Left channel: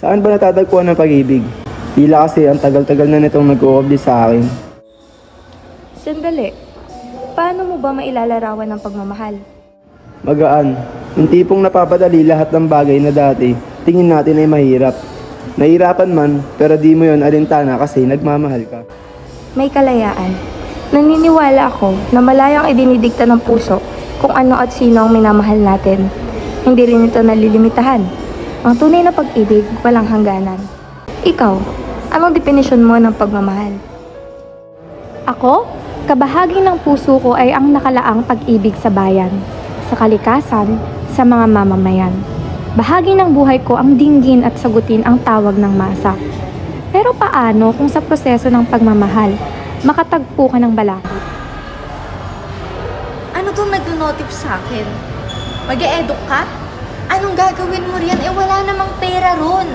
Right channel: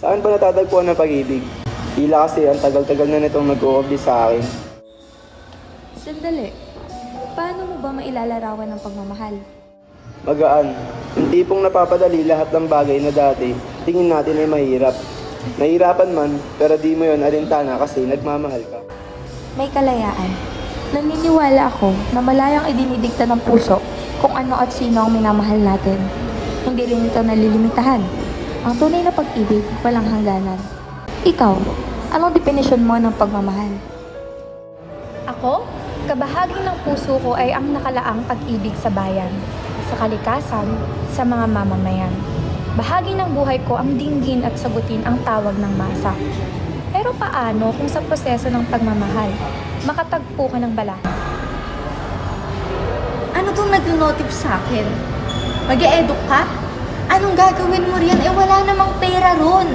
Saan ba natatagpuan ng pag-ibig? Tila kasi ang tagal-tagal na nitong nag-uubli sa akin. Sandali. Paano mo ba mailalarawan ng pagmamahal? Magaan. Yung tipong napapadali lahat ng bagay na dati, tingin natin ay mahirap. Nahirapan man, pero di mo yun alintana kasi nagmamahal ka. May kalayaan. Naniniwala ako na malayang idinidikta ng puso kung ano at sino ang minamahal natin. Hindi rin ito nalilimitahan. Ang tunay na pag-ibig, walang hangganan. Ikaw, anong definisyon mo ng pagmamahal? Ako, kabahagi ng puso ko ay ang nakalaang pag-ibig sa bayan, sa kalikasan, sa mga mamamayan. Bahagi ng buhay ko ang dinggin at sagutin ang tawag ng masa. Pero paano kung sa proseso ng pagmamahal, makatagpo ka ng bala? Ano tong nag-notif sa akin? Mag-e-eduk ka? Anong gagawin mo riyan? Eh wala namang pera ron.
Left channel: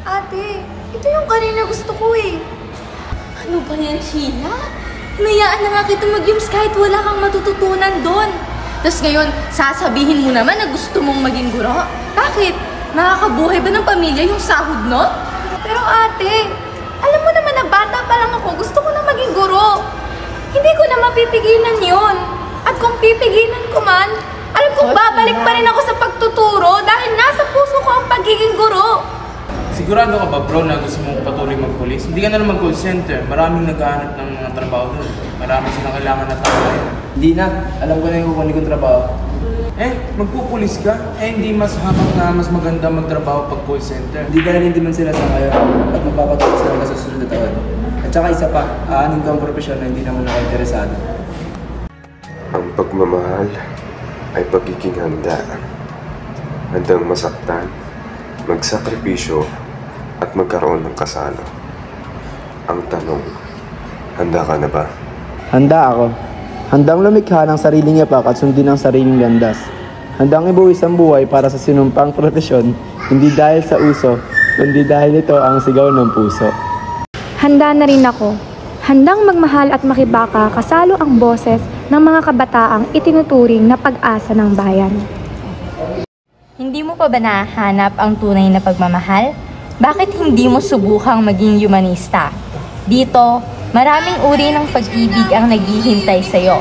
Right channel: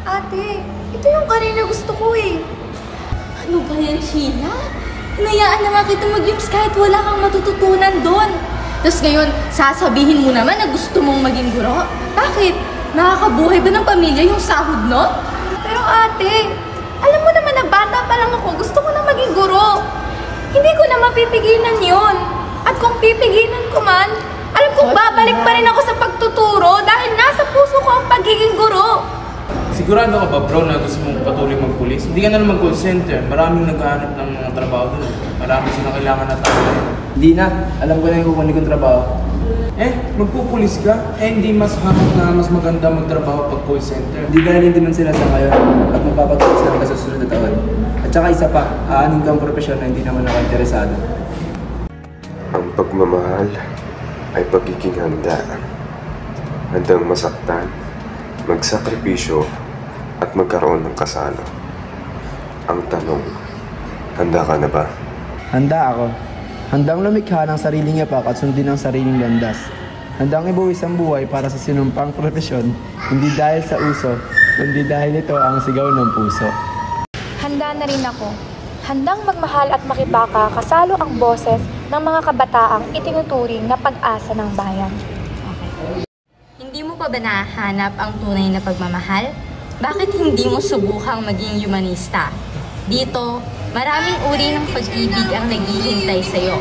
Ate, ito yung kanina gusto ko eh. Ano ba yan, Sheila? Hinayaan na nga kita mag-yums kahit wala kang matututunan doon. Tapos ngayon, sasabihin mo naman na gusto mong maging guro? Bakit? Nakakabuhay ba ng pamilya yung sahod, no? Pero ate, alam mo naman na bata pa lang ako, gusto ko na maging guro. Hindi ko na mapipigilan yon. At kung pipigilan ko man, alam kong babalik pa rin ako sa pagtuturo dahil nasa puso ko ang pagiging guro. Sigurado ka ba, bro, na gusto mong patuloy magpulis? Hindi ka na lang mag-call center. Maraming naghahanap ng mga trabaho doon. Marami silang kailangan na tao ngayon. Hindi na. Alam ko na yung kukunin kong trabaho. Magpupulis ka? Hindi mas hamak na mas maganda magtrabaho pag call center. Hindi dahil hindi man sila sa ngayon at magpapatuloy sila sa susunod na taon. At saka isa pa, aanin ka ang propesyon na hindi naman ako interesado. Ang pagmamahal ay pagiging handa. Handang masaktan, magsakripisyo, at magkaroon ng kasalo. Ang tanong, handa ka na ba? Handa ako. Handang lumikha ng sariling yapak at sundin ang sariling landas. Handang ibuwis ang buhay para sa sinumpang propesyon, hindi dahil sa uso, kundi dahil ito ang sigaw ng puso. Handa na rin ako. Handang magmahal at makibaka kasalo ang boses ng mga kabataang itinuturing na pag-asa ng bayan. Hindi mo pa ba nahanap ang tunay na pagmamahal? Bakit hindi mo subukang maging humanista? Dito, maraming uri ng pag-ibig ang naghihintay sa'yo.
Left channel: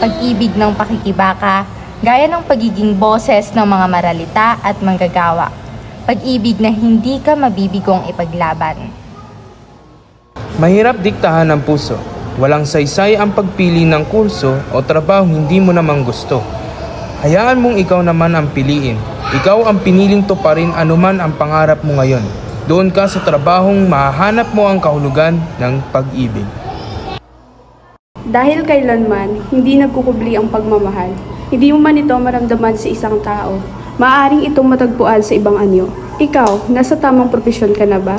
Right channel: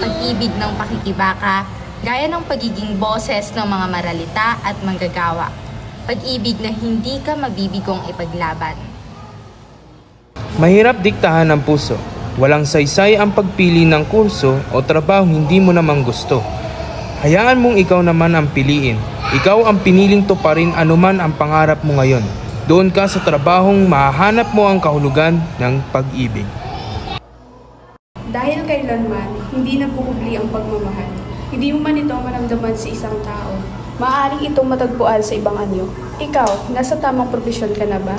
Pag-ibig ng pakikibaka, gaya ng pagiging boses ng mga maralita at manggagawa. Pag-ibig na hindi ka mabibigong ipaglaban. Mahirap diktahan ng puso. Walang saysay ang pagpili ng kurso o trabaho hindi mo namang gusto. Hayaan mong ikaw naman ang piliin. Ikaw ang piniling tuparin anuman ang pangarap mo ngayon. Doon ka sa trabahong mahahanap mo ang kahulugan ng pag-ibig. Dahil kailanman, hindi nagkukubli ang pagmamahal. Hindi mo man ito maramdaman sa isang tao. Maaaring itong matagpuan sa ibang anyo. Ikaw, nasa tamang propesyon ka na ba?